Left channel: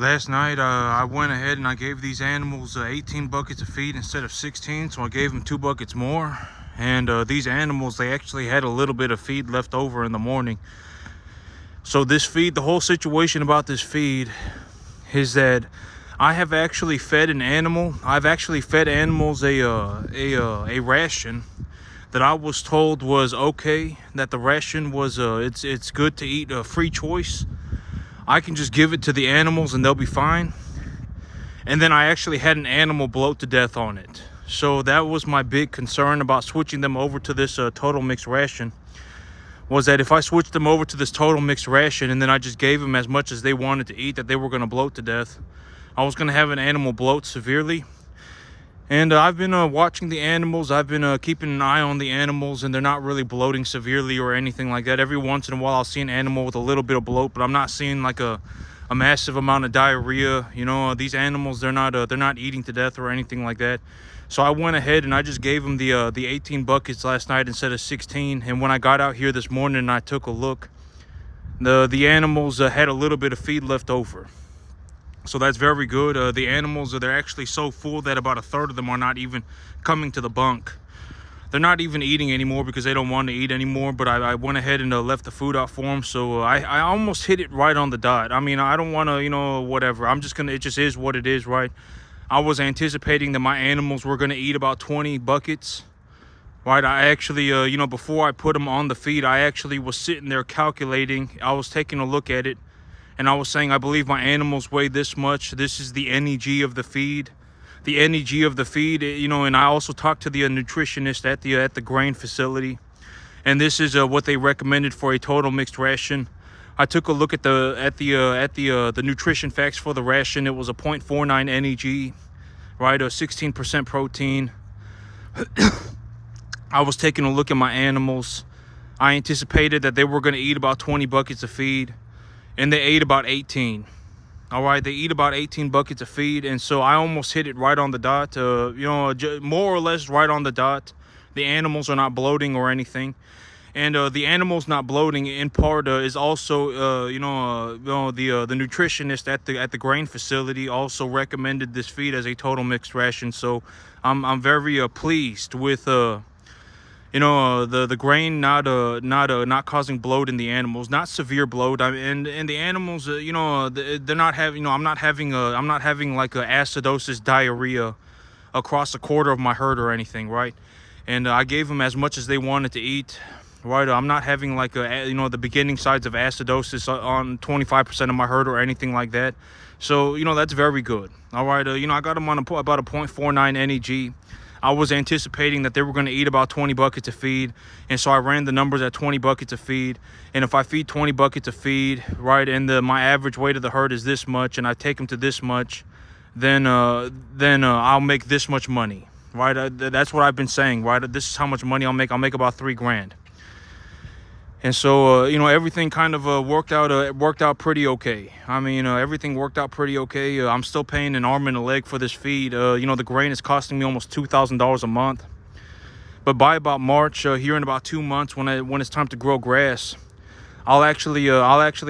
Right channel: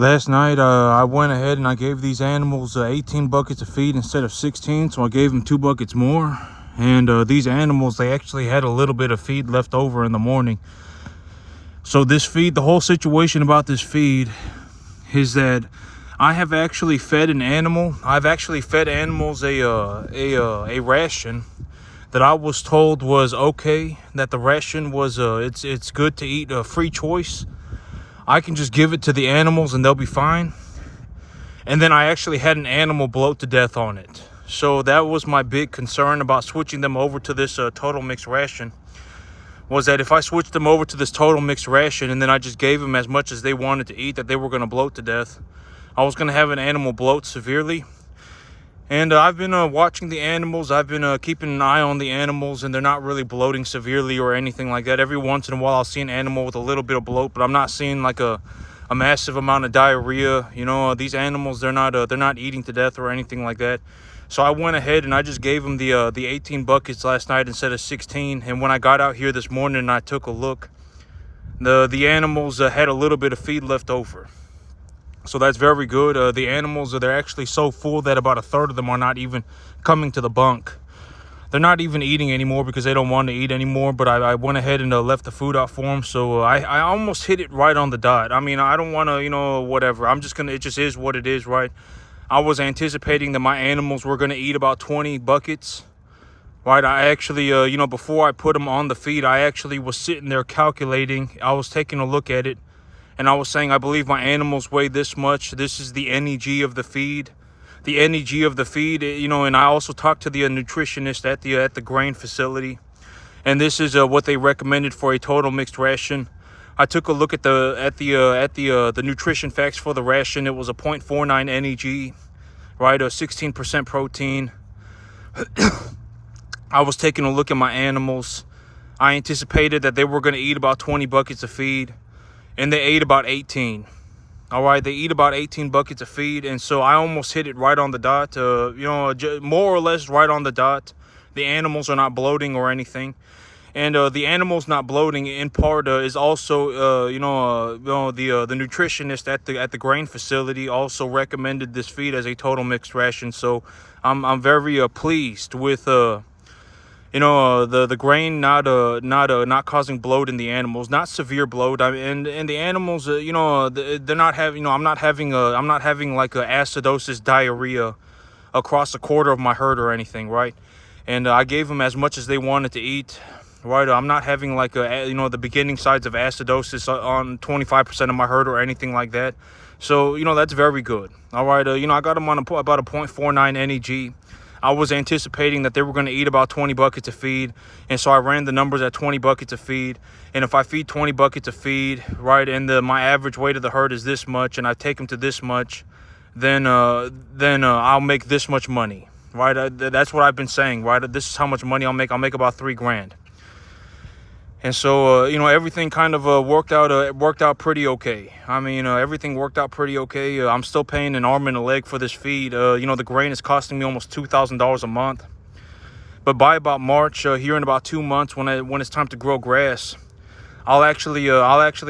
Last night, I went ahead and I gave these animals 18 buckets of feed instead of 16, so I gave them 2 buckets more. And these animals, they actually had a little bit of feed left over in the morning. So this feed, the whole situation about this feed is that I have actually fed an animal. I've actually fed animals a ration that I was told was okay. That the ration was it's good to eat, a free choice. I can just give it to the animals and they'll be fine. And then I actually had an animal bloat to death on it. So that was my big concern about switching them over to this total mixed ration, was that if I switched them over to this total mixed ration and then I just gave them as much as they wanted to eat, that they were going to bloat to death. I was going to have an animal bloat severely. And I've been watching the animals. I've been keeping an eye on the animals, and they're not really bloating severely or anything like that. Every once in a while I'll see an animal with a little bit of bloat, but I'm not seeing like a massive amount of diarrhea. You know, these animals, they're not eating to death or anything like that. So I went ahead and I just gave them the 18 buckets last night instead of 16. And when I got out here this morning and I took a look, the animals had a little bit of feed left over. So that's very good. The animals, they're actually so full that about a third of them are not even coming to the bunk. They're not even eating anymore because they don't want to eat anymore. But I went ahead and left the food out for them. So I almost hit it right on the dot. I mean, I don't want to, whatever. I'm just going to, it just is what it is, right? I was anticipating that my animals were going to eat about 20 buckets, right? I actually, before I put them on the feed, I actually was sitting there calculating. I was taking a look at it. And I was saying, I believe my animals weigh this much. This is the NEG of the feed. The NEG of the feed, and I also talked to the nutritionist at the grain facility. And this is what they recommended for a total mixed ration. I took a look at the nutrition facts for the ration. It was a 0.49 NEG, right? A 16% protein. I was taking a look at my animals. I anticipated that they were going to eat about 20 buckets of feed. And they ate about 18. All right, they eat about 18 buckets of feed. And so I almost hit it right on the dot, more or less right on the dot. The animals are not bloating or anything. And the animals not bloating in part is also, the nutritionist at the grain facility also recommended this feed as a total mixed ration. So I'm very pleased with the grain not causing bloat in the animals, not severe bloat. And the animals, they're not having, I'm not having like a acidosis diarrhea across a quarter of my herd or anything, right? And I gave them as much as they wanted to eat, right? I'm not having like the beginning signs of acidosis on 25% of my herd or anything like that. So that's very good. All right, I got them on about a 0.49 NEG. I was anticipating that they were going to eat about 20 buckets of feed. And so I ran the numbers at 20 buckets of feed. And if I feed 20 buckets of feed, right, and my average weight of the herd is this much, and I take them to this much, then I'll make this much money, right? That's what I've been saying, right? This is how much money I'll make. I'll make about $3,000. And so, everything kind of worked out pretty okay. I mean, everything worked out pretty okay. I'm still paying an arm and a leg for this feed. The grain is costing me almost $2,000 a month. But by about March, here in about 2 months, when it's time to grow grass, I'll actually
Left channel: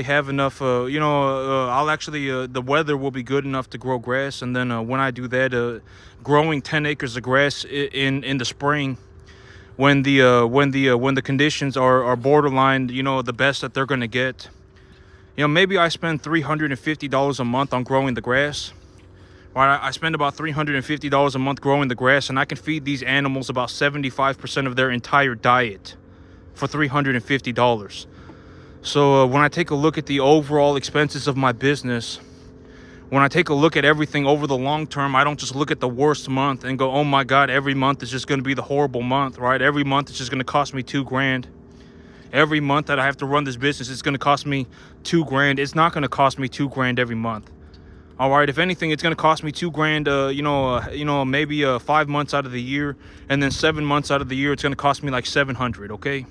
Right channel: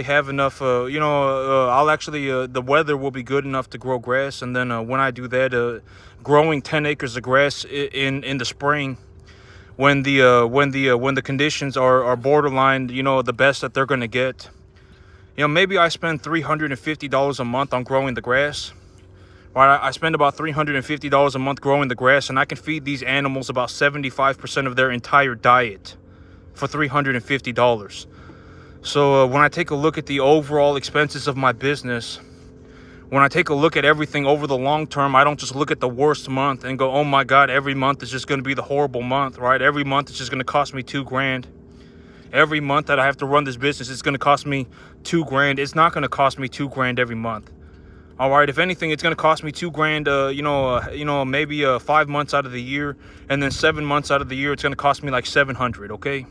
have enough. The weather will be good enough to grow grass. And then when I do that, growing 10 acres of grass in the spring, when the conditions are borderline, the best that they're going to get, maybe I spend $350 a month on growing the grass. Right, I spend about $350 a month growing the grass, and I can feed these animals about 75% of their entire diet for $350. So when I take a look at the overall expenses of my business, when I take a look at everything over the long term, I don't just look at the worst month and go, oh my God, every month is just going to be the horrible month, right? Every month is just going to cost me $2,000. Every month that I have to run this business, it's going to cost me $2,000. It's not going to cost me $2,000 every month. All right, if anything, it's going to cost me $2,000, maybe 5 months out of the year, and then 7 months out of the year, it's going to cost me like $700, okay?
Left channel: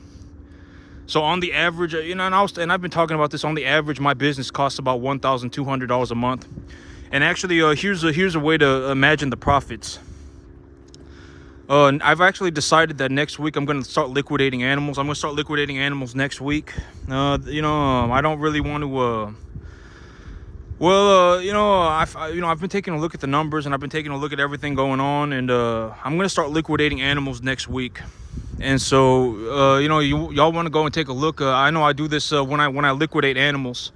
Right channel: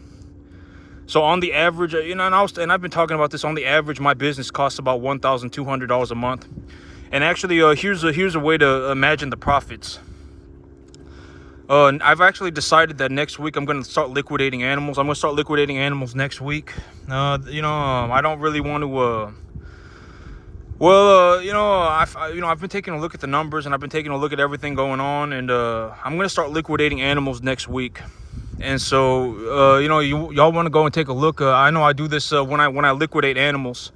So on the average, and I've been talking about this, on the average, my business costs about $1,200 a month. And actually, here's a way to imagine the profits. I've actually decided that next week I'm going to start liquidating animals. I'm going to start liquidating animals next week. I don't really want to Well, I've been taking a look at the numbers, and I've been taking a look at everything going on, and I'm gonna start liquidating animals next week. And so, y'all want to go and take a look. I know I do this when I liquidate animals.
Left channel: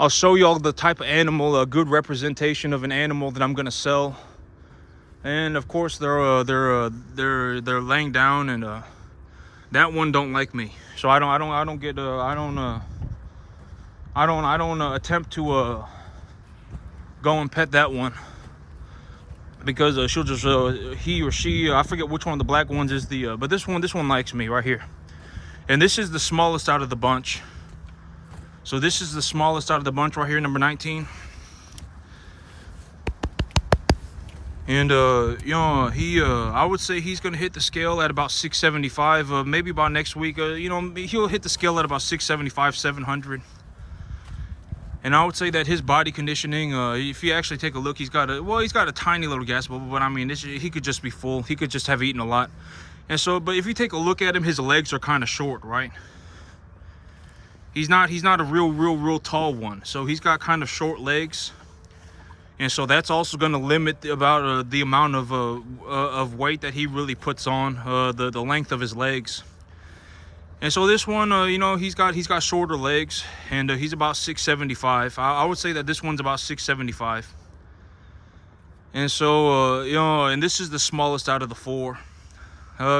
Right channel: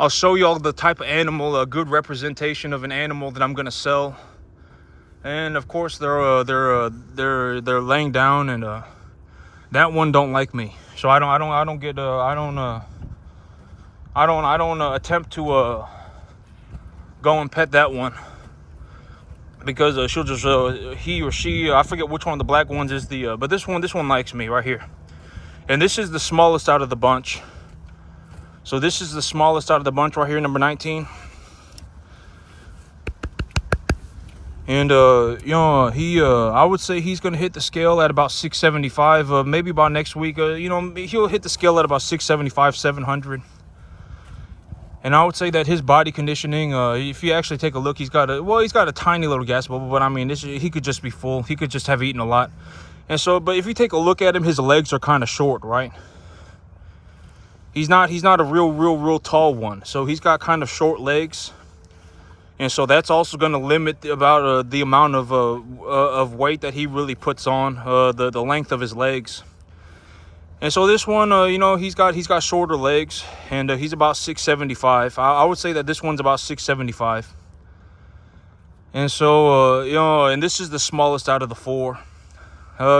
I'll show y'all the type of animal, a good representation of an animal that I'm gonna sell. And of course, they're laying down, and that one don't like me. So I don't attempt to go and pet that one, because she'll just he or she, I forget which one of the black ones is the but this one likes me right here. And this is the smallest out of the bunch. So this is the smallest out of the bunch right here, number 19. And I would say he's gonna hit the scale at about 675. Maybe by next week, he'll hit the scale at about 675, 700. And I would say that his body conditioning, if you actually take a look, he's got a tiny little gas bubble, but I mean, he could just be full. He could just have eaten a lot. And so, but if you take a look at him, his legs are kind of short, right? He's not a real tall one. So he's got kind of short legs. And so that's also going to limit about the amount of weight that he really puts on, the length of his legs. And so this one, he's got shorter legs, and he's about 675. I would say that this one's about 675. And so, and this is the smallest out of the four.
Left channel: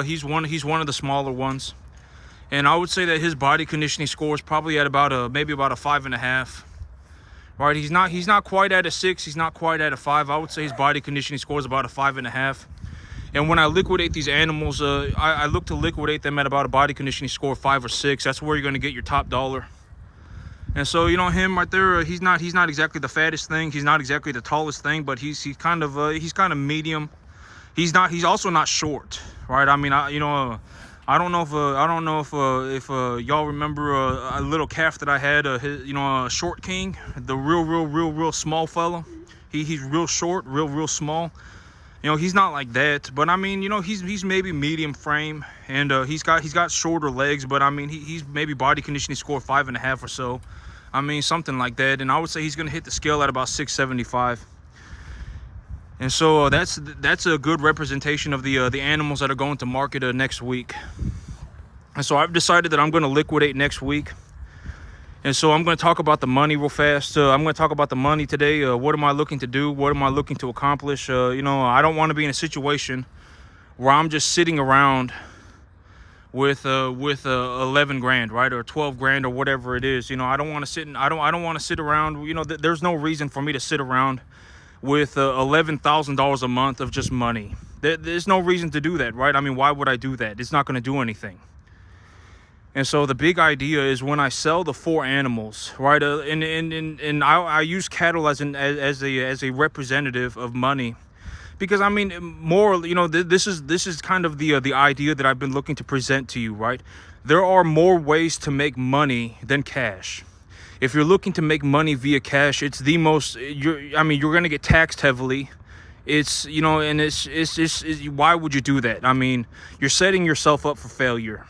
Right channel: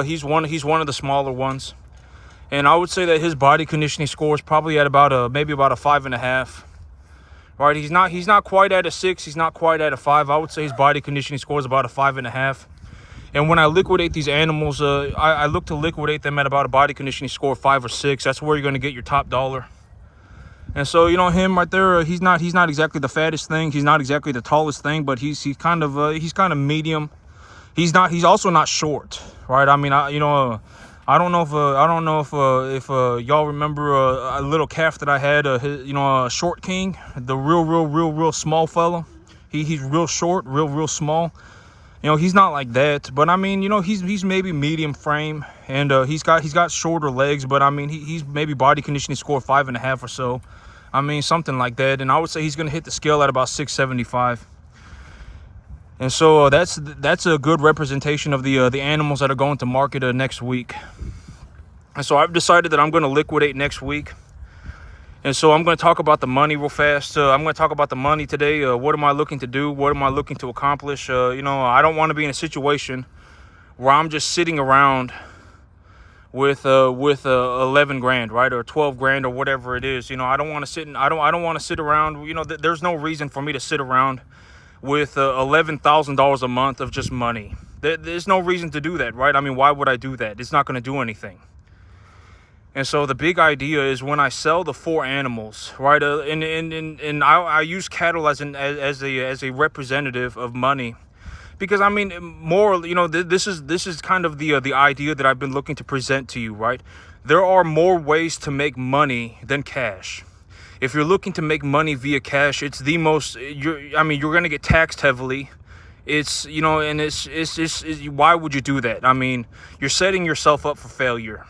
He's one of the smaller ones. And I would say that his body conditioning score is probably at about maybe about a 5.5. Right, he's not quite at a 6. He's not quite at a 5. I would say his body conditioning score is about a 5.5. And when I liquidate these animals, I look to liquidate them at about a body conditioning score of 5 or 6. That's where you're going to get your top dollar. And so, him right there, he's not exactly the fattest thing. He's not exactly the tallest thing, but he's kind of medium. He's also not short, right? I mean, I don't know if y'all remember a little calf that I had, a short king, the real small fella. He's real short, real small. He's not like that, but I mean, he's maybe medium frame, and he's got shorter legs, but I mean, he's maybe body conditioning score 5.5 or so. I mean, something like that. And I would say he's gonna hit the scale at about 675. And so that's a good representation of the animals that are going to market next week. And so I've decided that I'm going to liquidate next week. And so I'm going to talk about the money real fast. I'm going to talk about the money today. What am I looking to do? What am I looking to accomplish? I don't want to be in a situation where I'm just sitting around with 11 grand, right, or 12 grand, or whatever it is. I don't want to sit. I don't want to sit around. There's no reason for me to sit around with $11,000 a month of just money. There's no reason to do that, right? I mean, why would I do that? It's not going to do anything. And so the big idea is when I sell the 4 animals, right? And I use cattle as a representative of money, because I mean, more, this is kind of the idea that I've been looking to present to you, right? There are more ways to make money than cash. If you're looking to make money via cash, it's the most, you're going to get taxed heavily. It's, and it's why would you do that? I mean, you're setting yourself up for failure.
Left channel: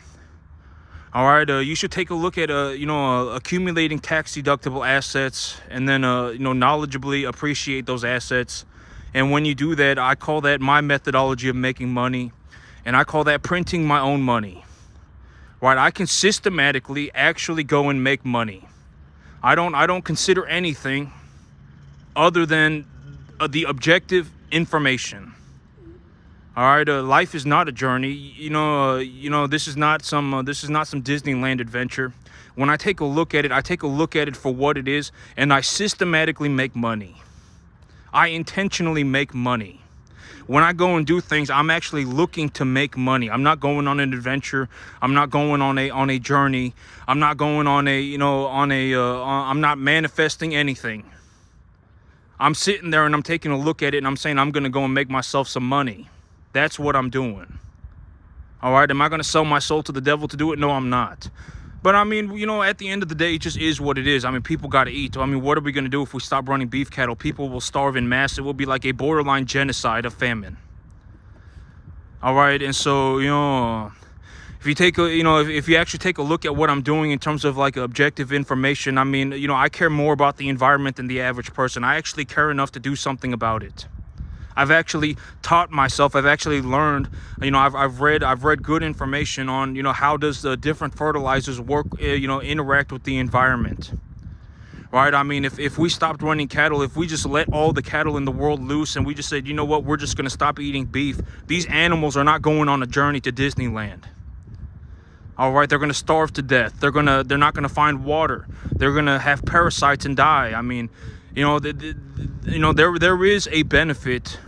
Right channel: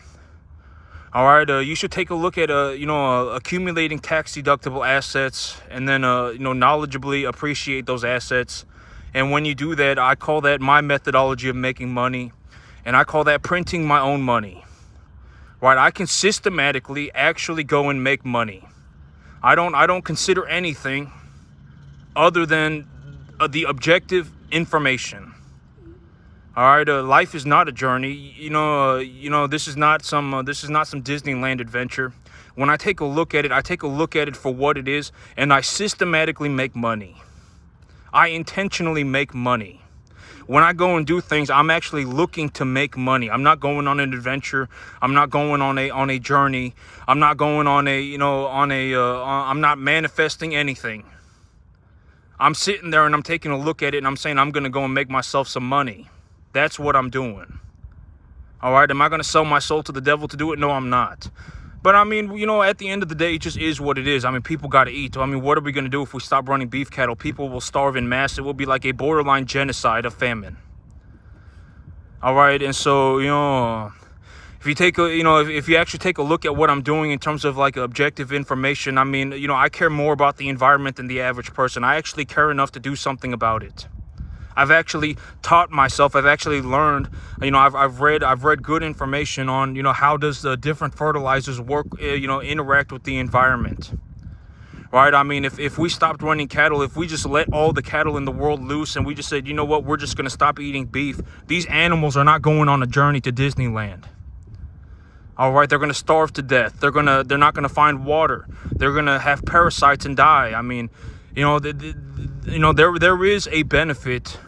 All right, you should take a look at, accumulating tax deductible assets, and then, knowledgeably appreciate those assets. And when you do that, I call that my methodology of making money, and I call that printing my own money. Right, I can systematically actually go and make money. I don't consider anything other than the objective information. All right, life is not a journey. This is not some Disneyland adventure. When I take a look at it, I take a look at it for what it is, and I systematically make money. I intentionally make money. When I go and do things, I'm actually looking to make money. I'm not going on an adventure. I'm not going on a journey. I'm not going on I'm not manifesting anything. I'm sitting there and I'm taking a look at it and I'm saying I'm going to go and make myself some money. That's what I'm doing. All right. Am I going to sell my soul to the devil to do it? No, I'm not. But I mean, at the end of the day, it just is what it is. I mean, people got to eat. I mean, what are we going to do if we stop running beef cattle? People will starve in mass. It will be like a borderline genocide of famine. All right. And so, If you take a, if you actually take a look at what I'm doing in terms of like objective information, I mean, I care more about the environment than the average person. I actually care enough to do something about it. I've actually taught myself. I've actually learned. I've read good information on how does the different fertilizers work. Interact with the environment. Right? I mean, if we stopped running cattle, if we just let all the cattle in the world loose and we just said, you know what, we're just going to stop eating beef, these animals are not going on a journey to Disneyland. All right, they're going to starve to death. They're not going to find water. They're going to have parasites and die. I mean, there is a benefit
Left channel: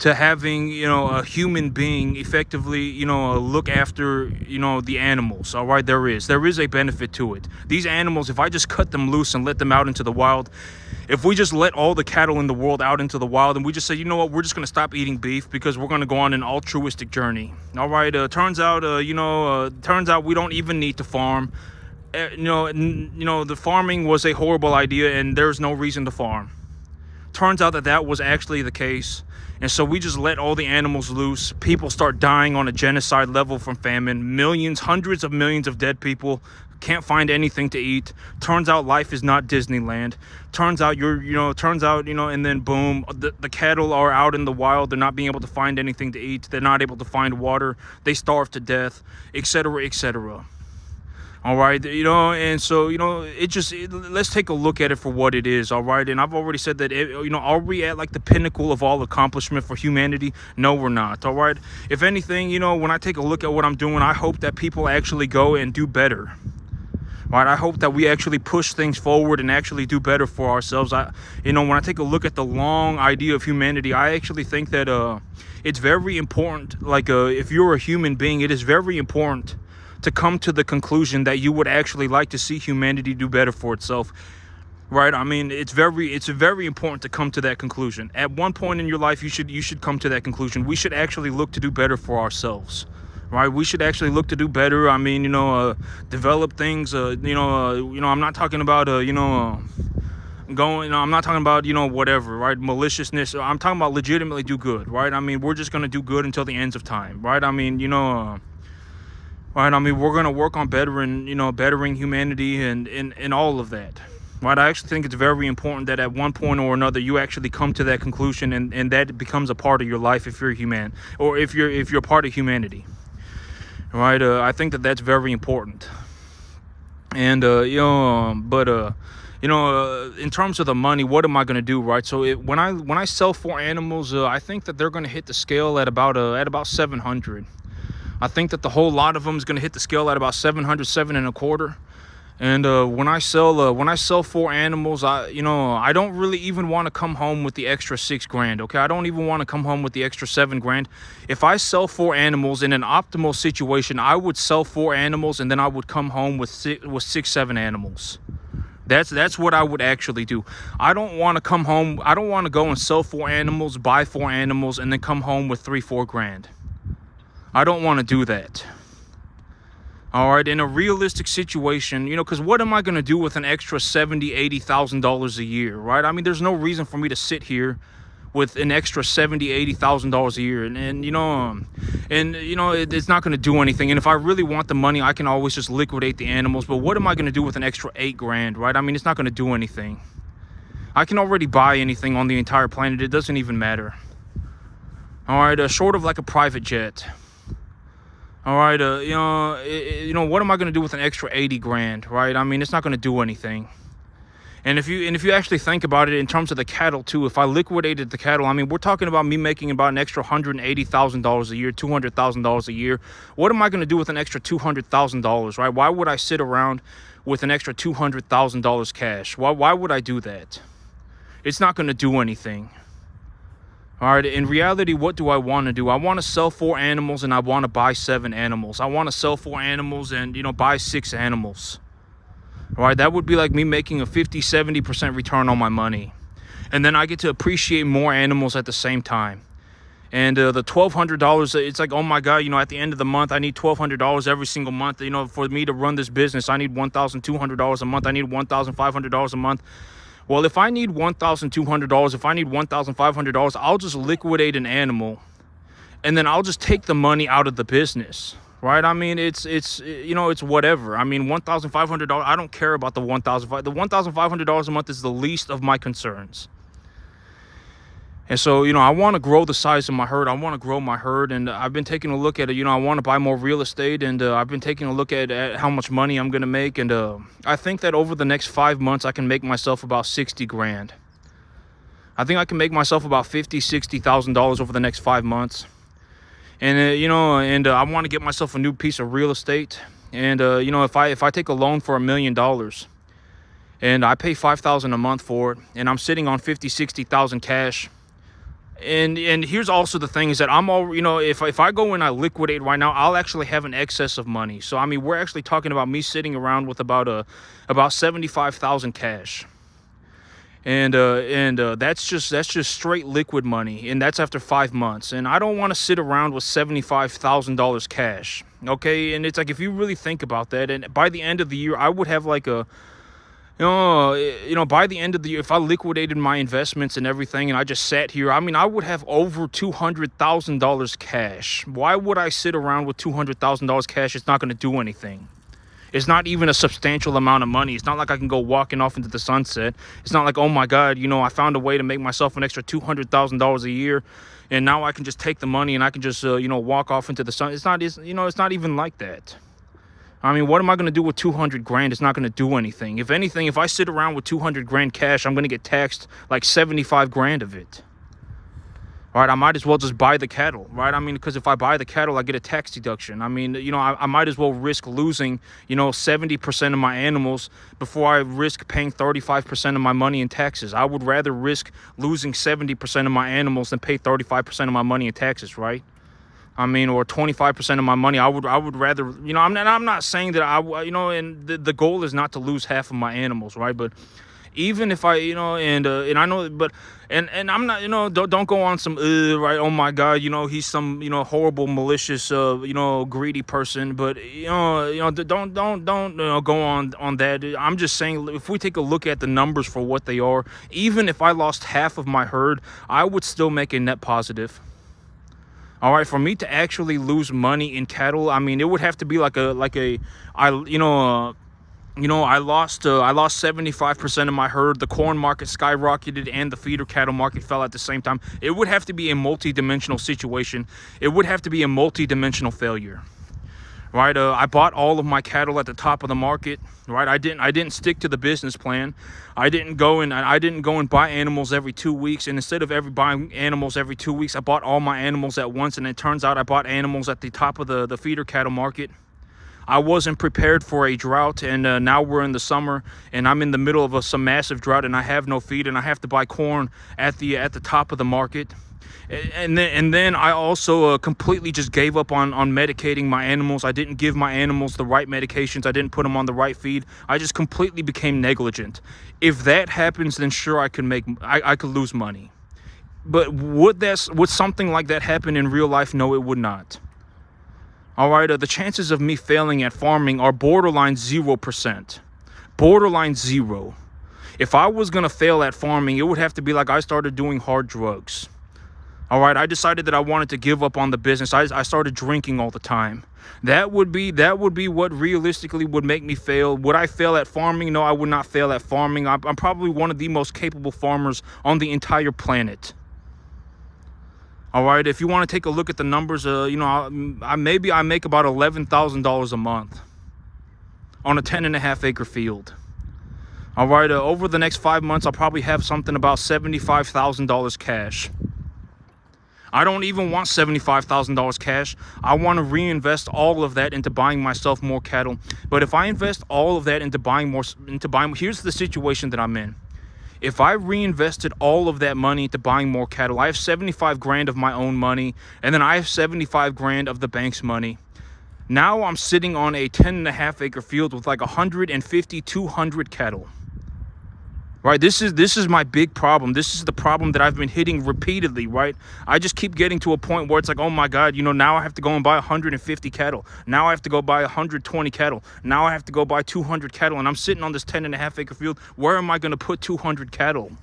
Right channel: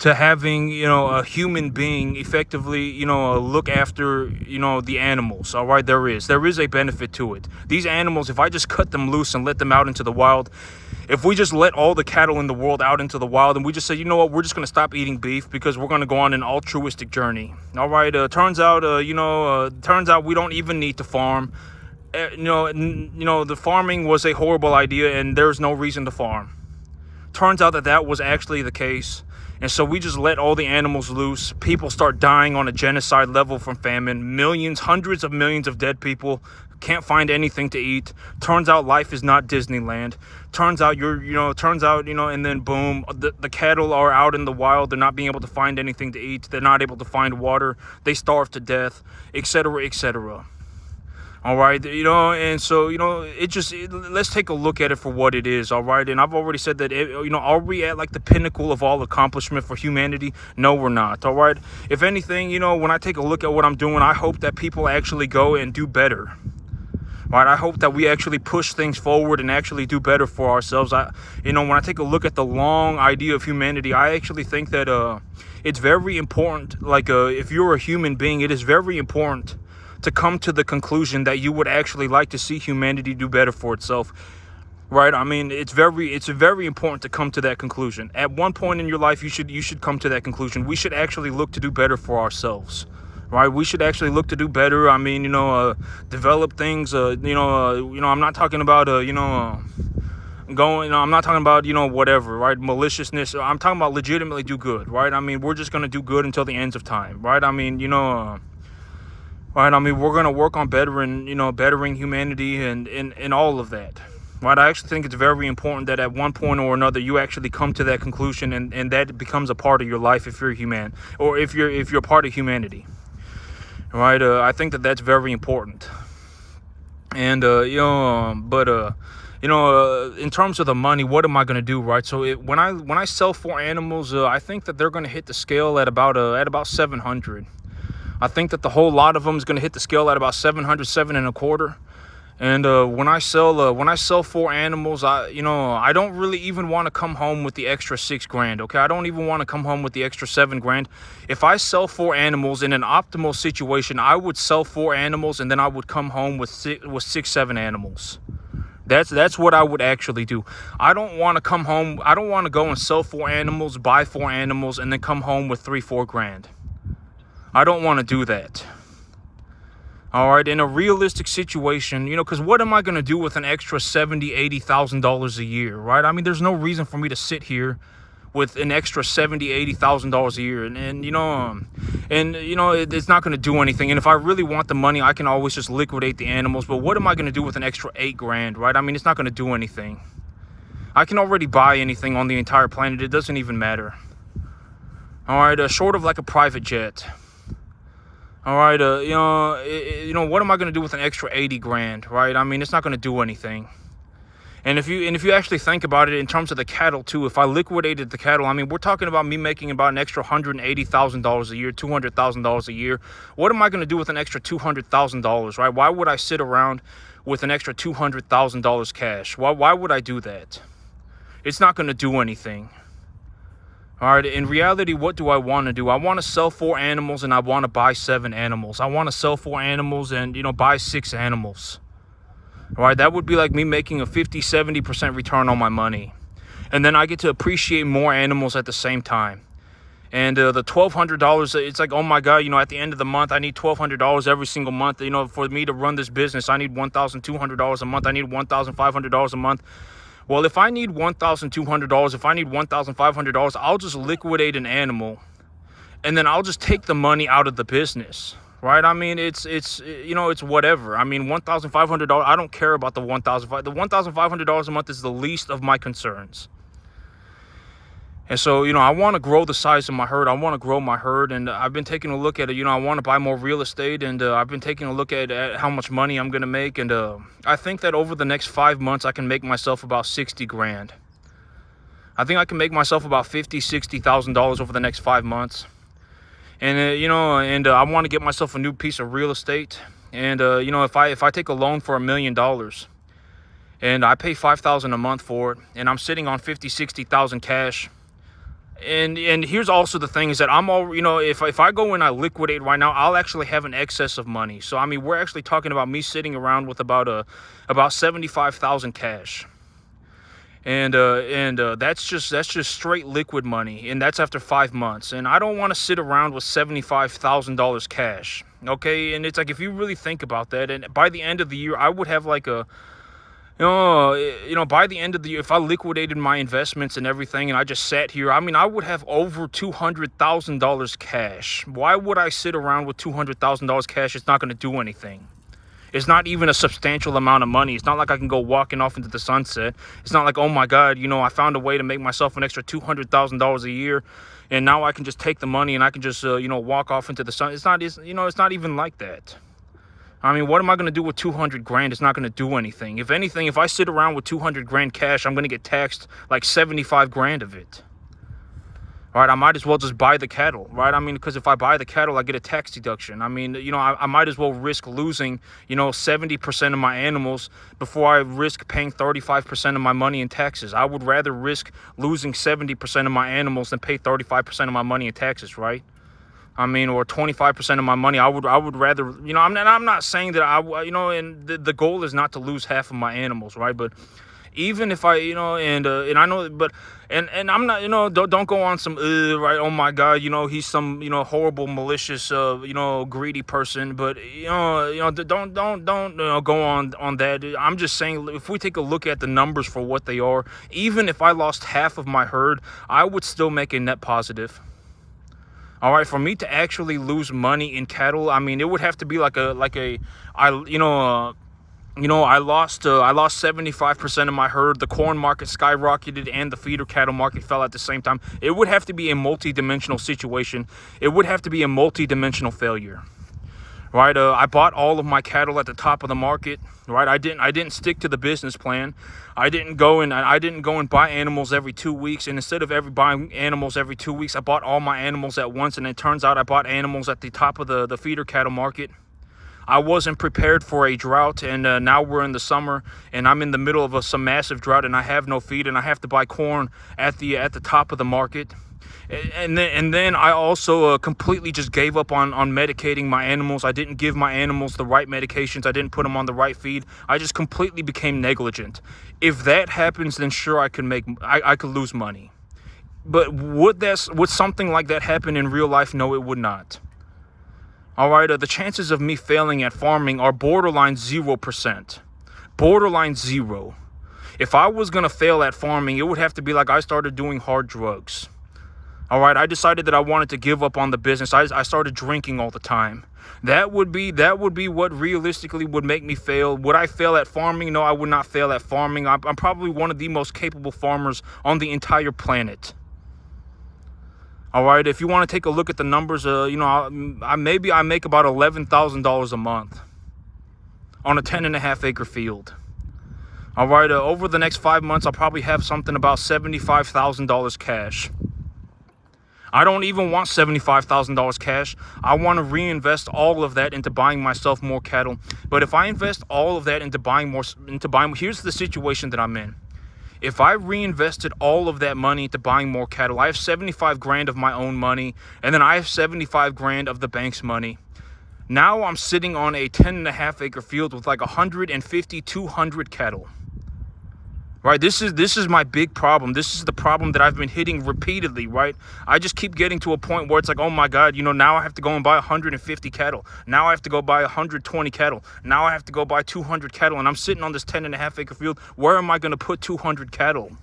to having, a human being effectively, look after, the animals. All right, there is a benefit to it. These animals, if I just cut them loose and let them out into the wild, if we just let all the cattle in the world out into the wild and we just say, you know what, we're just going to stop eating beef because we're going to go on an altruistic journey. All right, turns out we don't even need to farm. The farming was a horrible idea and there's no reason to farm. Turns out that was actually the case. And so we just let all the animals loose. People start dying on a genocide level from famine. Millions, hundreds of millions of dead people. Can't find anything to eat. Turns out life is not Disneyland. Turns out and then boom, the cattle are out in the wild. They're not being able to find anything to eat. They're not able to find water. They starve to death, etc., etc. All right, and so, let's take a look at it for what it is, all right? And I've already said that, are we at like the pinnacle of all accomplishment for humanity? No, we're not, all right? If anything, when I take a look at what I'm doing, I hope that people actually go and do better. Right, I hope that we actually push things forward and actually do better for ourselves. When I take a look at the long idea of humanity, I actually think that it's very important, like if you're a human being, it is very important to come to the conclusion that you would actually like to see humanity do better for itself. Right? I mean, it's very important to come to that conclusion. At one point in your life, you should come to that conclusion. We should actually look to do better for ourselves. Right? We should actually look to do better. I mean, develop things. I'm not talking about I'm not talking about whatever, right? Maliciousness. I'm talking about legitimately do good, right? I mean, we're just gonna do good until the ends of time, right? I mean, right, I mean, we're going to work on bettering humanity and all of that. Right, I actually think it's very important that at one point or another you actually come to that conclusion and that becomes a part of your life if you're human or if you're part of humanity. Right, I think that's very important. And in terms of the money, what am I going to do, right? So when I sell 4 animals, I think that they're going to hit the scale at about 700. I think that the whole lot of them is going to hit the scale at about 700, 7.25. And when I sell 4 animals, I don't really even want to come home with the extra $6,000. Okay, I don't even want to come home with the extra $7,000. If I sell 4 animals in an optimal situation, I would sell 4 animals and then I would come home with 6, 7 animals. That's what I would actually do. I don't want to come home. I don't want to go and sell 4 animals, buy 4 animals, and then come home with $3,000-4,000. I don't want to do that. All right, in a realistic situation, because what am I going to do with an extra $70,000, $80,000 a year, right? I mean, there's no reason for me to sit here with an extra $70,000, $80,000 a year, it's not going to do anything. And if I really want the money, I can always just liquidate the animals. But what am I going to do with an extra $8,000, right? I mean, it's not going to do anything. I can already buy anything on the entire planet. It doesn't even matter. All right, short of like a private jet. All right, what am I going to do with an extra $80,000, right? I mean, it's not going to do anything. And if you actually think about it in terms of the cattle too, if I liquidated the cattle, I mean, we're talking about me making about an extra $180,000 a year, $200,000 a year. What am I going to do with an extra $200,000, right? Why would I sit around with an extra $200,000 cash? Why would I do that? It's not going to do anything. All right, in reality, what do I want to do? I want to sell 4 animals and I want to buy 7 animals. I want to sell 4 animals and, buy 6 animals. All right, that would be like me making a 50-70% return on my money. And then I get to appreciate more animals at the same time. And the $1,200, it's like, oh my God, at the end of the month, I need $1,200 every single month. For me to run this business, I need $1,200 a month. I need $1,500 a month. Well, if I need $1,200, if I need $1,500, I'll just liquidate an animal and then I'll just take the money out of the business, right? I mean, it's you know, it's whatever. I mean, $1,500. I don't care about the $1,500 a month is the least of my concerns. And so, you know, I want to grow the size of my herd. I want to grow my herd, and I've been taking a look at it. You know, I want to buy more real estate, and I've been taking a look at how much money I'm gonna make, and I think that over the next 5 months, I can make myself about 60 grand. I think I can make myself about $50,000-$60,000 over the next 5 months. And you know, and I want to get myself a new piece of real estate. And you know, if I take a loan for $1 million and I pay $5,000 a month for it, and I'm sitting on 50,000-60,000 cash. And here's also the thing is that I'm all, you know, if I go and I liquidate right now, I'll actually have an excess of money. So I mean, we're actually talking about me sitting around with about 75,000 cash. And that's just straight liquid money, and that's after 5 months. And I don't want to sit around with $75,000 cash. Okay, and it's like, if you really think about that, and by the end of the year, I would have like a, you know, by the end of the year, if I liquidated my investments and everything, and I just sat here, I mean, I would have over $200,000 cash. Why would I sit around with $200,000 cash? It's not going to do anything. It's not even a substantial amount of money. It's not like I can go walking off into the sunset. It's not like, oh my God, you know, I found a way to make myself an extra $200,000 a year, and now I can just take the money and I can just, you know, walk off into the sun. It's not, you know, it's not even like that. I mean, what am I going to do with 200 grand? It's not going to do anything. If anything, if I sit around with 200 grand cash, I'm going to get taxed like 75 grand of it. All right, I might as well just buy the cattle, right? I mean, because if I buy the cattle, I get a tax deduction. I mean, you know, I might as well risk losing, you know, 70% of my animals before I risk paying 35% of my money in taxes. I would rather risk losing 70% of my animals than pay 35% of my money in taxes, right? I mean, or 25% of my money. I would rather, you know, I'm not saying that you know, and the goal is not to lose half of my animals, right? But even if I, you know, and I know, but, and I'm not, you know, don't go on some, right, oh my God, you know, he's some, you know, horrible, malicious, you know, greedy person, but, you know, don't you know, go on that. I'm just saying, if we take a look at the numbers for what they are, even if I lost half of my herd, I would still make a net positive. All right, for me to actually lose money in cattle, I mean, it would have to be like I lost 75% of my herd. The corn market skyrocketed and the feeder cattle market fell at the same time. It would have to be a multi-dimensional situation. It would have to be a multi-dimensional failure. Right, I bought all of my cattle at the top of the market. Right, I didn't stick to the business plan. I didn't go and buy animals every 2 weeks. And instead of buying animals every 2 weeks, I bought all my animals at once. And it turns out I bought animals at the top of the feeder cattle market. I wasn't prepared for a drought, and now we're in the summer, and I'm in the middle of some massive drought, and I have no feed, and I have to buy corn at the top of the market. And then I also completely just gave up on medicating my animals. I didn't give my animals the right medications. I didn't put them on the right feed. I just completely became negligent. If that happens, then sure, I could lose money. But would something like that happen in real life? No, it would not. All right, the chances of me failing at farming are borderline 0%. Borderline zero. If I was going to fail at farming, it would have to be like I started doing hard drugs. All right, I decided that I wanted to give up on the business. I started drinking all the time. That would be what realistically would make me fail. Would I fail at farming? No, I would not fail at farming. I'm probably one of the most capable farmers on the entire planet. All right, if you want to take a look at the numbers, you know, maybe I make about $11,000 a month on a 10.5 acre field. All right, over the next 5 months, I'll probably have something about $75,000 cash. I don't even want $75,000 cash. I want to reinvest all of that into buying myself more cattle. But if I invest all of that into buying, here's the situation that I'm in. If I reinvested all of that money into buying more cattle, I have 75 grand of my own money, and then I have 75 grand of the bank's money. Now I'm sitting on a 10.5 acre field with like 150, 200 cattle. Right, this is my big problem. This is the problem that I've been hitting repeatedly, right? I just keep getting to a point where it's like, oh my God, you know, now I have to go and buy 150 cattle. Now I have to go buy 120 cattle. Now I have to go buy 200 cattle. And I'm sitting on this 10.5 acre field. Where am I going to put 200 cattle?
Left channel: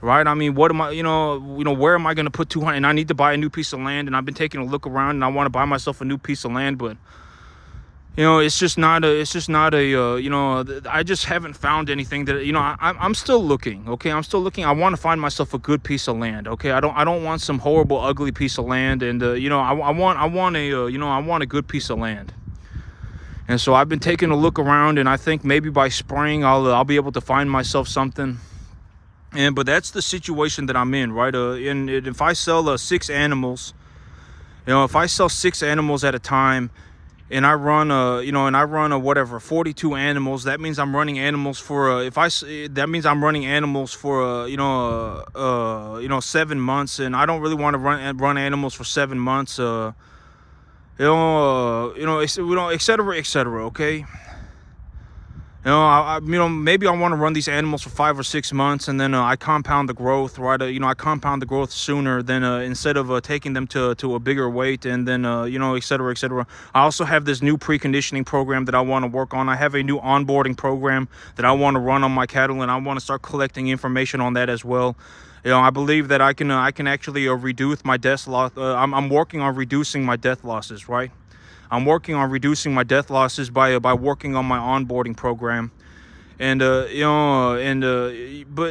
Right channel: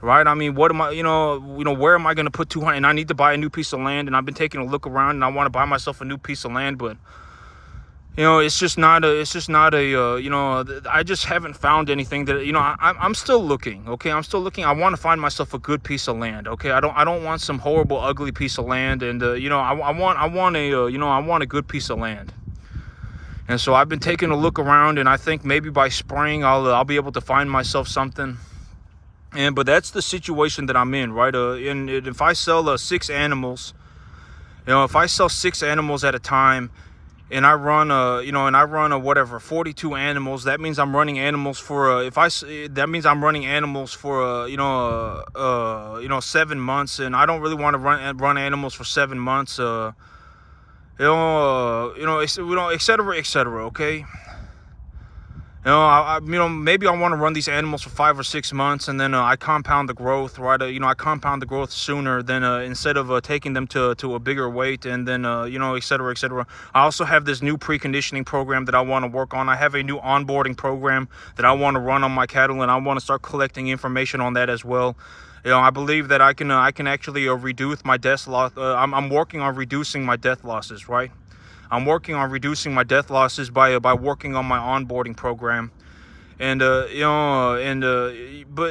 Right? I mean, what am I, you know, where am I going to put 200? And I need to buy a new piece of land. And I've been taking a look around, and I want to buy myself a new piece of land, but I just haven't found anything that, I'm still looking. Okay, I'm still looking. I want to find myself a good piece of land. Okay, I don't want some horrible, ugly piece of land. And I want a good piece of land. And so I've been taking a look around, and I think maybe by spring I'll be able to find myself something. But that's the situation that I'm in, right? And if I sell 6 animals, if I sell 6 animals at a time, and I run whatever 42 animals, that means I'm running animals for that means I'm running animals for 7 months, and I don't really want to run animals for 7 months. Et cetera, et cetera. Okay. Maybe I want to run these animals for 5 or 6 months, and then I compound the growth, right? I compound the growth sooner than instead of taking them to a bigger weight, and then et cetera, et cetera. I also have this new preconditioning program that I want to work on. I have a new onboarding program that I want to run on my cattle, and I want to start collecting information on that as well. I believe that I can actually reduce my death loss. I'm working on reducing my death losses, right? I'm working on reducing my death losses by working on my onboarding program. And but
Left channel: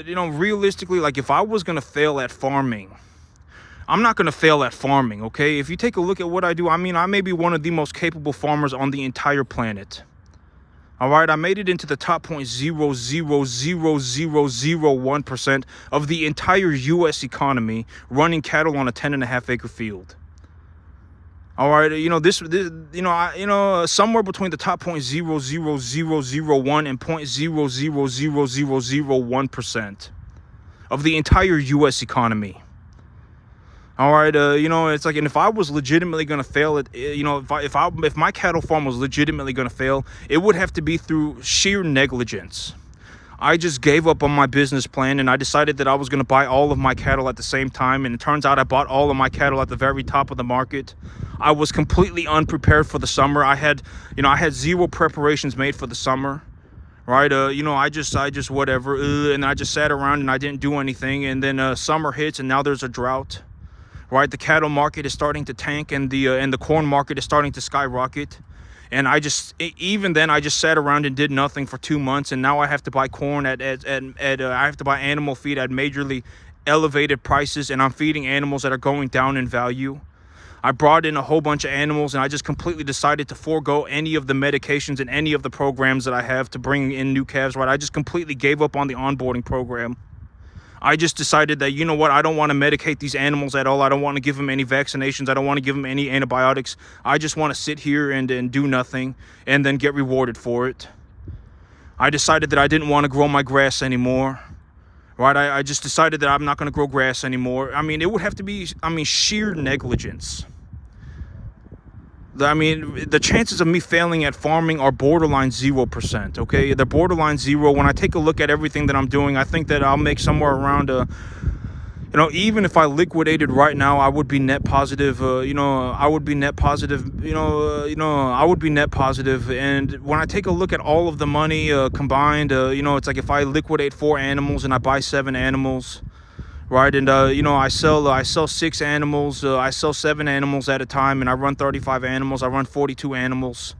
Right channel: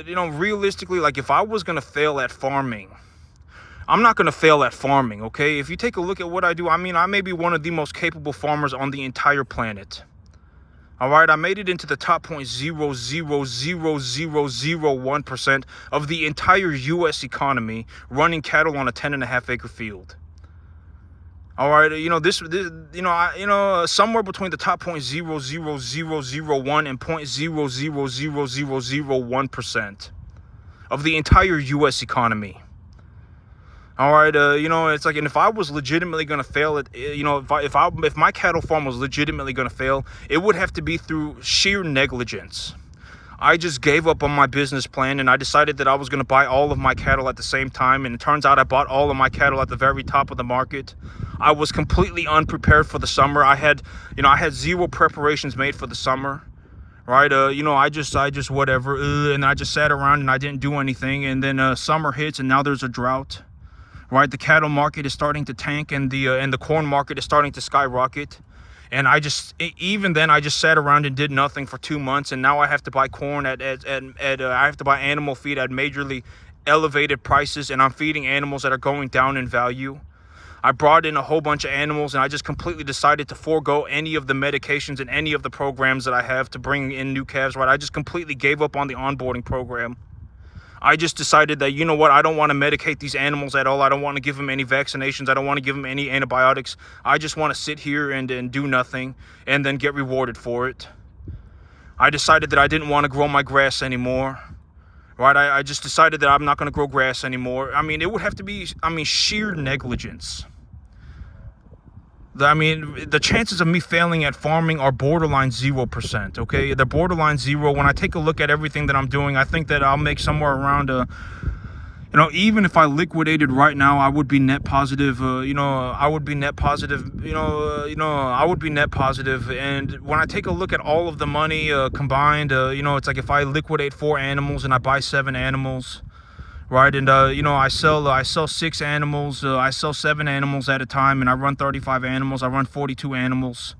realistically, like, if I was gonna fail at farming, I'm not gonna fail at farming. Okay, if you take a look at what I do, I may be one of the most capable farmers on the entire planet. All right, I made it into the top 0.0000001% of the entire U.S. economy running cattle on a 10.5-acre field. All right, somewhere between the top 0.00001 and 0.00001% of the entire U.S. economy. All right, it's like, and if I was legitimately gonna fail at, if my cattle farm was legitimately gonna fail, it would have to be through sheer negligence. I just gave up on my business plan, and I decided that I was gonna buy all of my cattle at the same time, and it turns out I bought all of my cattle at the very top of the market. I was completely unprepared for the summer. I had zero preparations made for the summer. Right, I just whatever, and I just sat around and I didn't do anything, and then summer hits, and now there's a drought. Right, the cattle market is starting to tank, and the corn market is starting to skyrocket. And even then I just sat around and did nothing for 2 months, and now I have to buy corn I have to buy animal feed at majorly elevated prices, and I'm feeding animals that are going down in value. I brought in a whole bunch of animals, and I just completely decided to forego any of the medications and any of the programs that I have to bring in new calves. Right, I just completely gave up on the onboarding program. I just decided that, you know what, I don't want to medicate these animals at all. I don't want to give them any vaccinations. I don't want to give them any antibiotics. I just want to sit here and do nothing and then get rewarded for it. I decided that I didn't want to grow my grass anymore. Right, I just decided that I'm not going to grow grass anymore. It would have to be, sheer negligence. The chances of me failing at farming are borderline 0%, okay? They're borderline 0. When I take a look at everything that I'm doing, I think that I'll make somewhere around, even if I liquidated right now, I would be net positive. I would be net positive. I would be net positive. And when I take a look at all of the money combined, it's like if I liquidate 4 animals and I buy 7 animals, right, and I sell 6 animals, I sell 7 animals at a time, and I run 35 animals, I run 42 animals.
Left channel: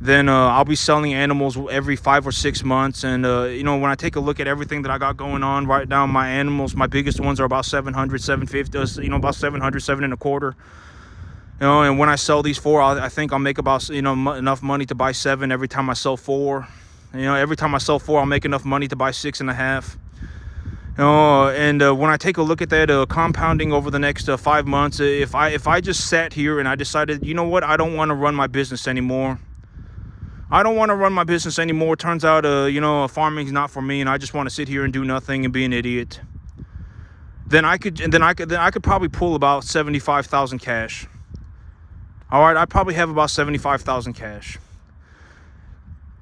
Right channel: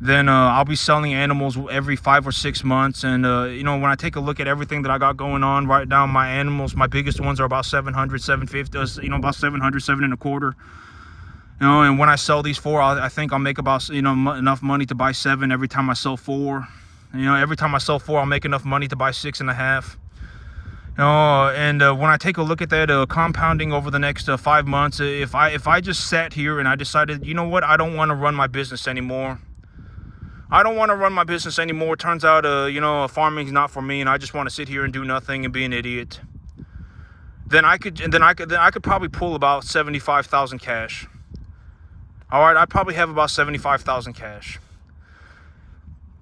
Then I'll be selling animals every 5 or 6 months. And when I take a look at everything that I got going on right now, my animals, my biggest ones are about 700, 750, about 700, 7.25. And when I sell these 4, I think I'll make about enough money to buy 7 every time I sell 4. Every time I sell 4, I'll make enough money to buy 6.5. And when I take a look at that compounding over the next 5 months, if I just sat here and I decided, you know what, I don't want to run my business anymore. I don't want to run my business anymore. Turns out, farming's not for me, and I just want to sit here and do nothing and be an idiot. Then I could probably pull about 75,000 cash. All right, I'd probably have about 75,000 cash.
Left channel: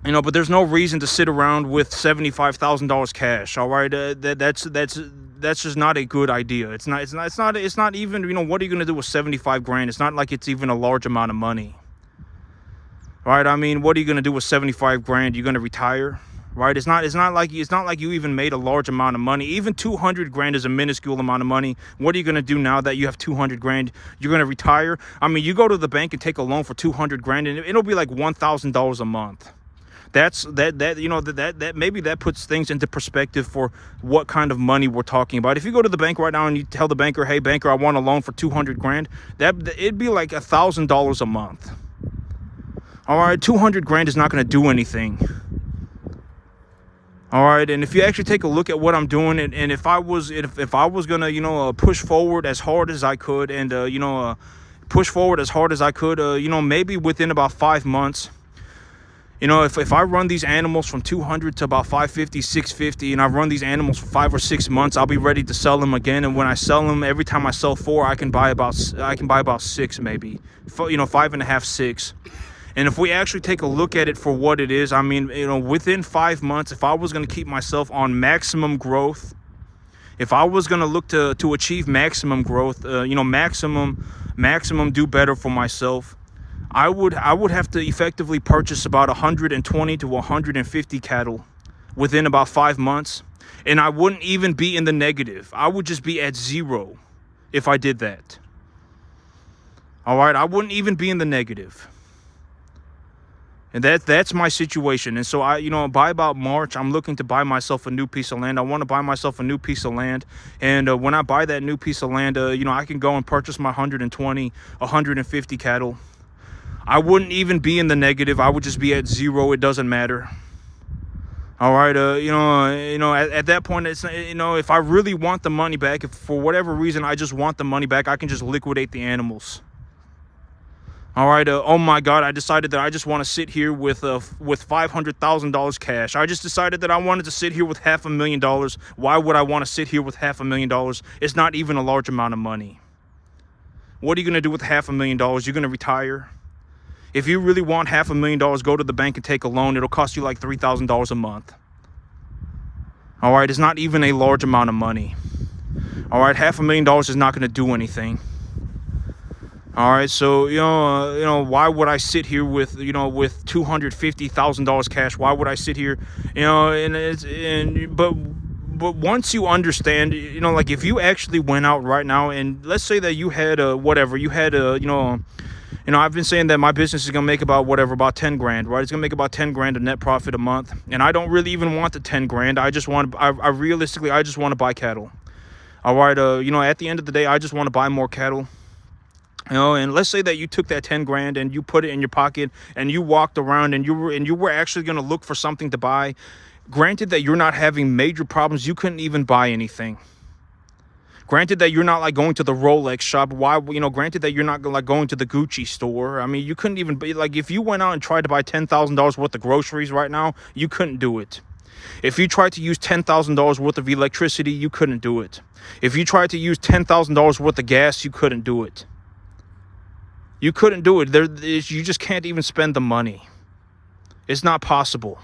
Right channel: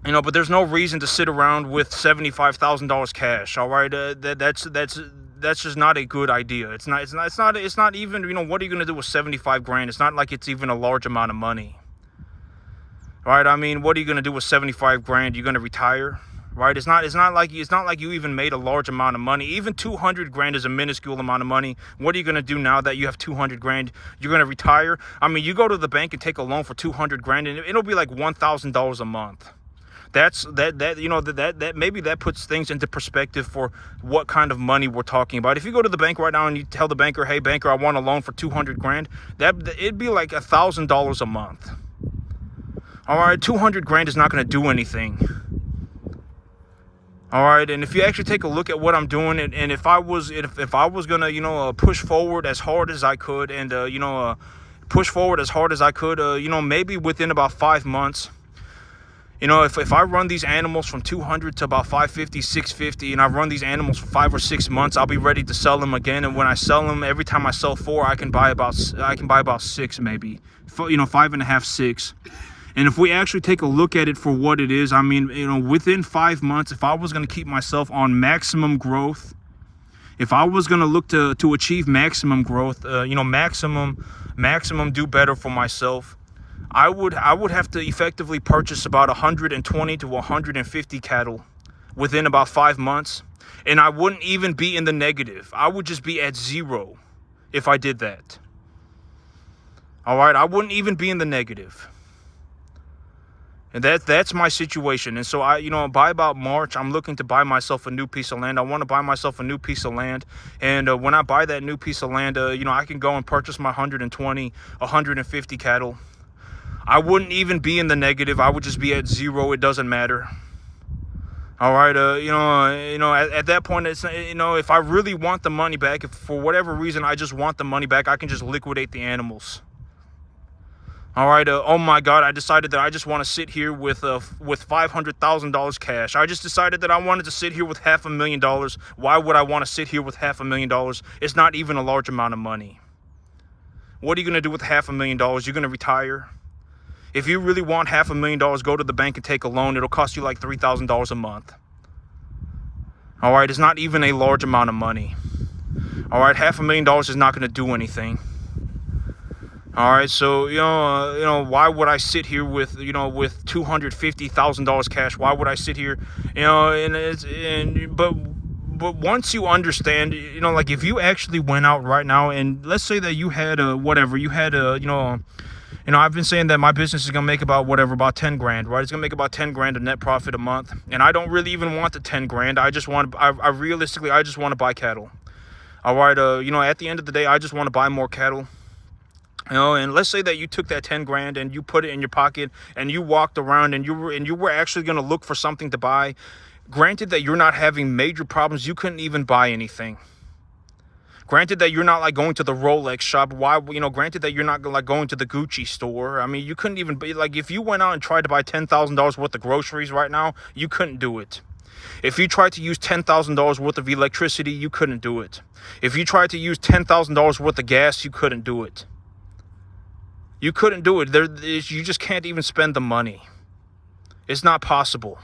But there's no reason to sit around with $75,000 cash. All right, that's just not a good idea. It's not even, what are you gonna do with 75 grand? It's not like it's even a large amount of money. All right, what are you gonna do with 75 grand? You're gonna retire? right? It's not like you even made a large amount of money. Even 200 grand is a minuscule amount of money. What are you going to do now that you have 200 grand? You're going to retire? I mean, you go to the bank and take a loan for 200 grand and it'll be like $1,000 a month. That maybe that puts things into perspective for what kind of money we're talking about. If you go to the bank right now and you tell the banker, hey banker, I want a loan for 200 grand, it'd be like $1,000 a month. All right, 200 grand is not going to do anything. All right, and if you actually take a look at what I'm doing, and if I was gonna push forward as hard as I could, and push forward as hard as I could, maybe within about 5 months, if I run these animals from 200 to about 550, 650, and I run these animals for 5 or 6 months, I'll be ready to sell them again. And when I sell them, every time I sell 4, I can buy about 6, maybe, 5.5, 6. And if we actually take a look at it for what it is, I mean, within 5 months, if I was going to keep myself on maximum growth, if I was going to look to achieve maximum growth, maximum do better for myself, I would have to effectively purchase about 120 to 150 cattle within about 5 months. And I wouldn't even be in the negative. I would just be at 0 if I did that. All right, I wouldn't even be in the negative. And that's my situation. And so by about March, I'm looking to buy myself a new piece of land. I want to buy myself a new piece of land. And when I buy that new piece of land, I can go and purchase my 120, 150 cattle. I wouldn't even be in the negative. I would just be at 0. It doesn't matter. All right. At that point, it's, if I really want the money back, if for whatever reason I just want the money back, I can just liquidate the animals. All right. Oh my God. I decided that I just want to sit here with $500,000 cash. I just decided that I wanted to sit here with $500,000. Why would I want to sit here with $500,000? It's not even a large amount of money. What are you going to do with $500,000? You're going to retire. If you really want $500,000, go to the bank and take a loan. It'll cost you like $3,000 a month. All right. It's not even a large amount of money. All right. $500,000 is not going to do anything. All right, so why would I sit here with $250,000 cash? Why would I sit here, but once you understand, like if you actually went out right now and let's say that you had I've been saying that my business is gonna make about 10 grand, right? It's gonna make about 10 grand of net profit a month, and I don't really even want the 10 grand. I realistically just want to buy cattle. All right, at the end of the day, I just want to buy more cattle. And let's say that you took that 10 grand and you put it in your pocket and you walked around and you were actually going to look for something to buy. Granted that you're not having major problems, you couldn't even buy anything. Granted that you're not like going to the Rolex shop. Granted that you're not like going to the Gucci store. I mean, you couldn't even be like, if you went out and tried to buy $10,000 worth of groceries right now, you couldn't do it. If you tried to use $10,000 worth of electricity, you couldn't do it. If you tried to use $10,000 worth of gas, you couldn't do it. You couldn't do it. You just can't even spend the money. It's not possible.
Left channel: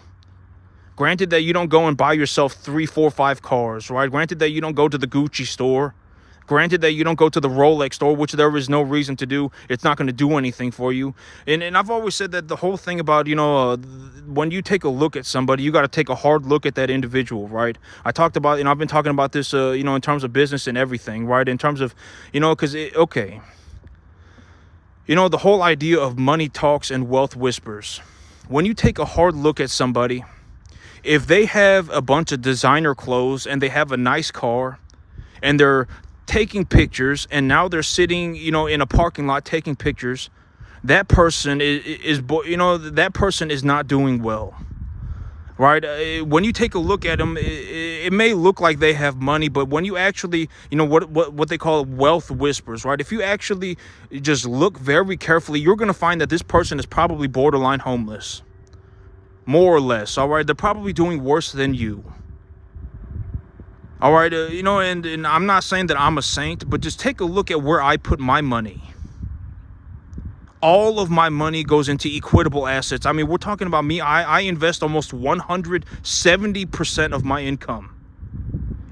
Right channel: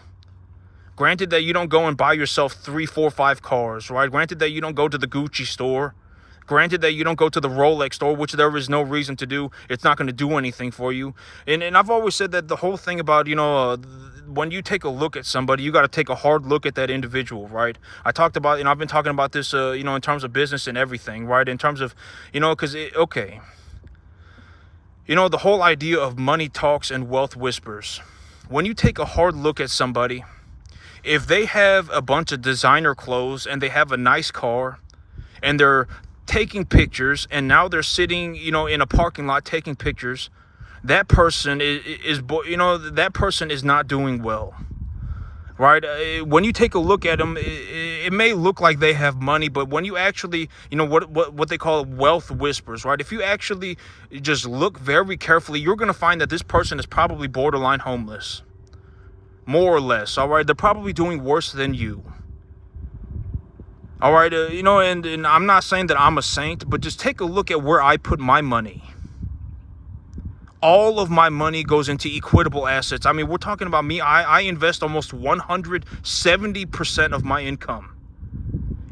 Granted that you don't go and buy yourself 3, 4, 5 cars, right? Granted that you don't go to the Gucci store. Granted that you don't go to the Rolex store, which there is no reason to do. It's not going to do anything for you. And I've always said that the whole thing about, when you take a look at somebody, you got to take a hard look at that individual, right? I talked about, I've been talking about this, in terms of business and everything, right? In terms of, okay. The whole idea of money talks and wealth whispers. When you take a hard look at somebody, if they have a bunch of designer clothes and they have a nice car and they're taking pictures and now they're sitting, in a parking lot taking pictures, that person that person is not doing well. Right? When you take a look at them, it may look like they have money, but when you actually, what they call wealth whispers, right? If you actually just look very carefully, you're going to find that this person is probably borderline homeless. More or less, all right? They're probably doing worse than you. All right, and I'm not saying that I'm a saint, but just take a look at where I put my money. All of my money goes into equitable assets. I mean, we're talking about me. I invest almost 170% of my income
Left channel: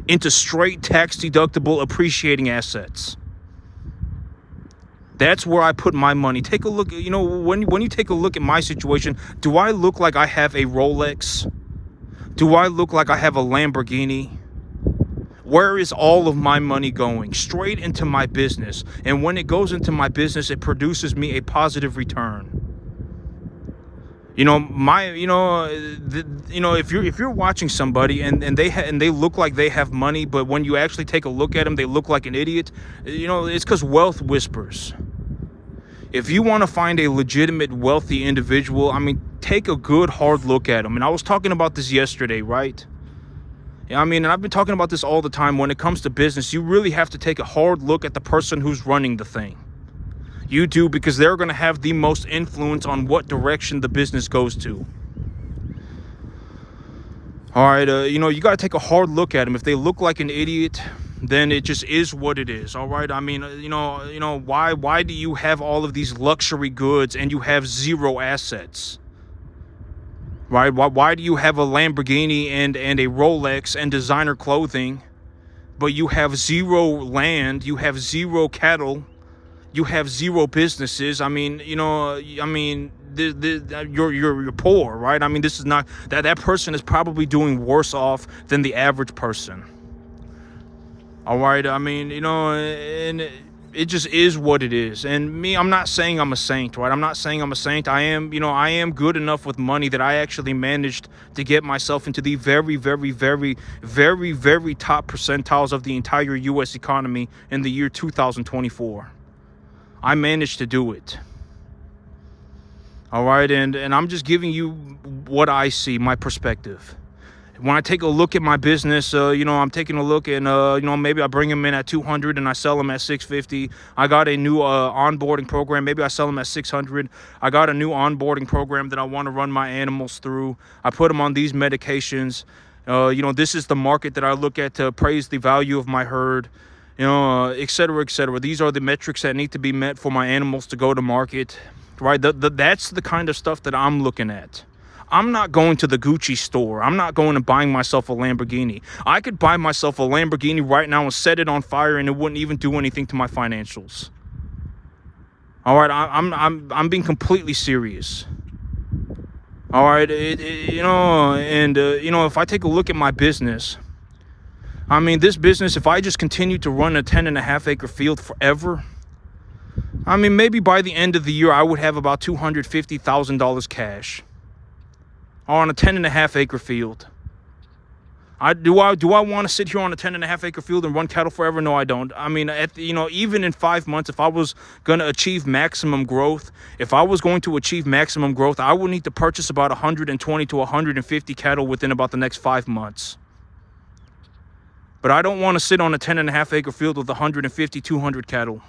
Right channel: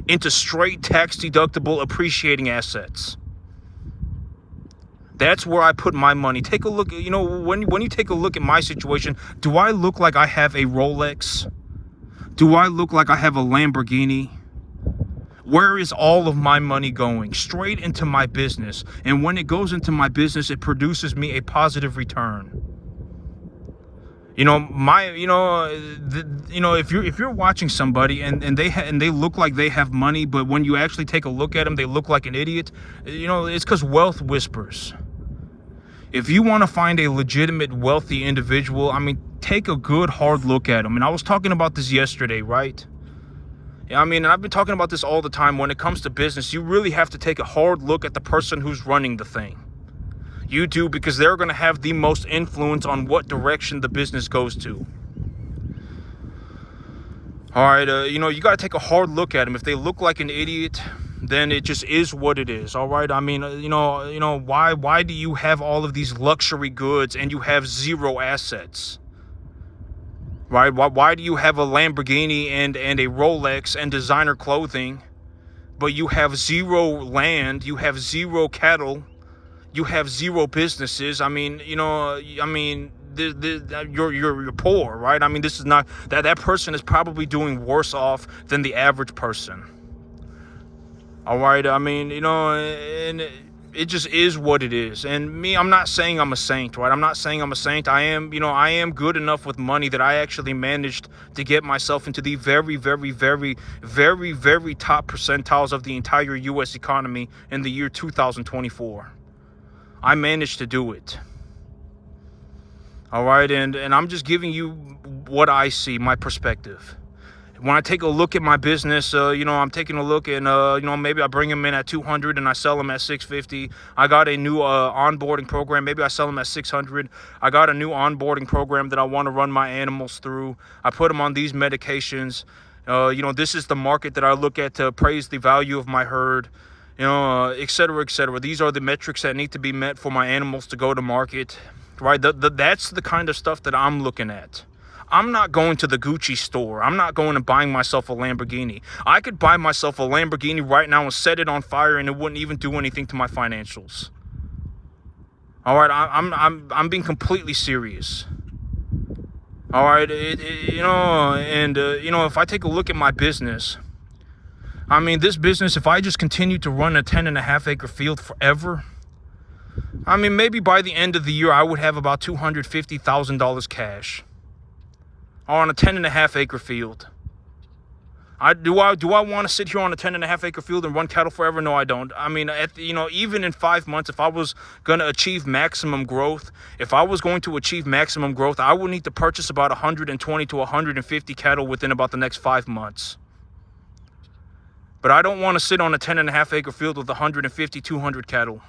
into straight tax deductible appreciating assets. That's where I put my money. Take a look, when you take a look at my situation, do I look like I have a Rolex? Do I look like I have a Lamborghini? Where is all of my money going? Straight into my business. And when it goes into my business, it produces me a positive return. You know, if you're watching somebody and they look like they have money, but when you actually take a look at them, they look like an idiot. You know, it's because wealth whispers. If you want to find a legitimate wealthy individual, I mean, take a good hard look at them. And I was talking about this yesterday, right? I mean, and I've been talking about this all the time. When it comes to business, you really have to take a hard look at the person who's running the thing. You do, because they're going to have the most influence on what direction the business goes to. All right, you got to take a hard look at them. If they look like an idiot, then it just is what it is. All right, I mean, why do you have all of these luxury goods and you have zero assets? Right? Why do you have a Lamborghini and a Rolex and designer clothing, but you have zero land, you have zero cattle, you have zero businesses? I mean, you're poor, right? I mean, this is not that person is probably doing worse off than the average person. All right, I mean, and it just is what it is. And me, I'm not saying I'm a saint, right? I'm not saying I'm a saint. I am good enough with money that I actually managed to get myself into the very, very, very, very, very top percentiles of the entire U.S. economy in the year 2024. I managed to do it. All right, and I'm just giving you what I see, my perspective. When I take a look at my business, I'm taking a look and, maybe I bring them in at 200 and I sell them at 650. I got a new onboarding program. Maybe I sell them at 600. I got a new onboarding program that I want to run my animals through. I put them on these medications. This is the market that I look at to appraise the value of my herd, et cetera, et cetera. These are the metrics that need to be met for my animals to go to market, right? That's the kind of stuff that I'm looking at. I'm not going to the Gucci store. I'm not going and buying myself a Lamborghini. I could buy myself a Lamborghini right now and set it on fire and it wouldn't even do anything to my financials. All right, I'm being completely serious. All right, if I take a look at my business, I mean, this business, if I just continue to run a 10.5 acre field forever, I mean, maybe by the end of the year, I would have about $250,000 cash on a 10.5 acre field. Do I want to sit here on a 10.5 acre field and run cattle forever? No, I don't. I mean, even in 5 months, if I was going to achieve maximum growth, I would need to purchase about 120 to 150 cattle within about the next 5 months. But I don't want to sit on a 10.5 acre field with 150, 200 cattle.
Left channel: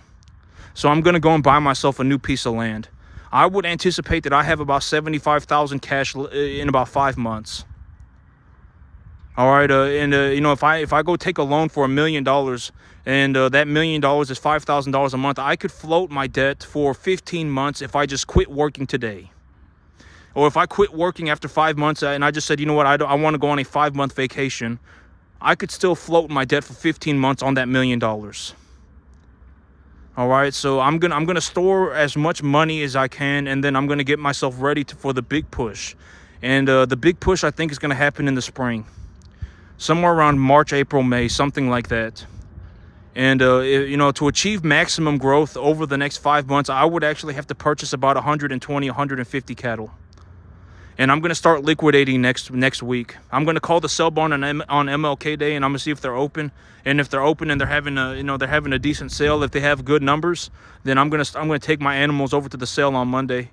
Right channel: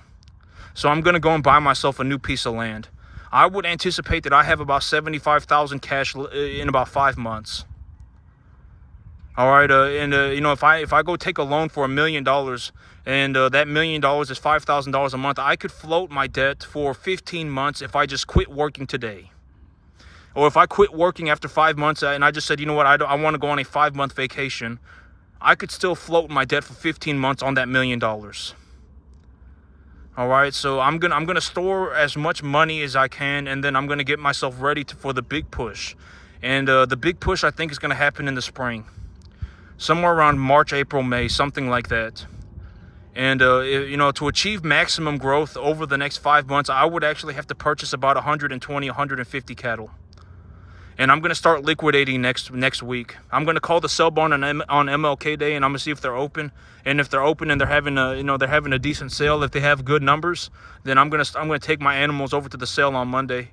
So I'm going to go and buy myself a new piece of land. I would anticipate that I have about 75,000 cash in about 5 months. All right, if I go take a loan for $1 million, and that $1 million is $5,000 a month, I could float my debt for 15 months if I just quit working today. Or if I quit working after 5 months and I just said, you know what, I want to go on a 5-month vacation, I could still float my debt for 15 months on that $1 million. All right, so I'm gonna store as much money as I can, and then I'm gonna get myself ready for the big push. And the big push, I think, is gonna happen in the spring, somewhere around March, April, May, something like that. And to achieve maximum growth over the next 5 months, I would actually have to purchase about 120, 150 cattle. And I'm gonna start liquidating next week. I'm gonna call the sell barn on MLK Day, and I'm gonna see if they're open. And if they're open and they're having a decent sale, if they have good numbers, then I'm gonna take my animals over to the sale on Monday,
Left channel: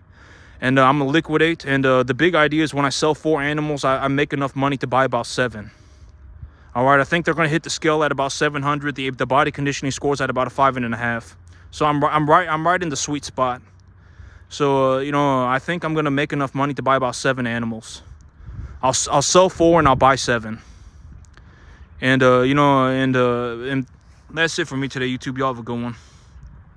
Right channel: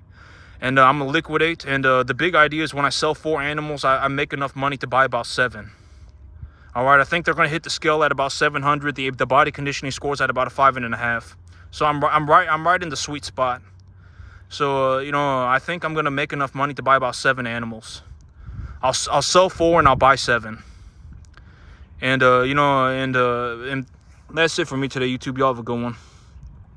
and I'm gonna liquidate. And the big idea is when I sell 4 animals, I make enough money to buy about 7. All right, I think they're gonna hit the scale at about 700. The body conditioning scores at about a 5.5. So I'm right in the sweet spot. So, I think I'm going to make enough money to buy about 7 animals. I'll sell 4 and I'll buy 7. And, and that's it for me today, YouTube. Y'all have a good one.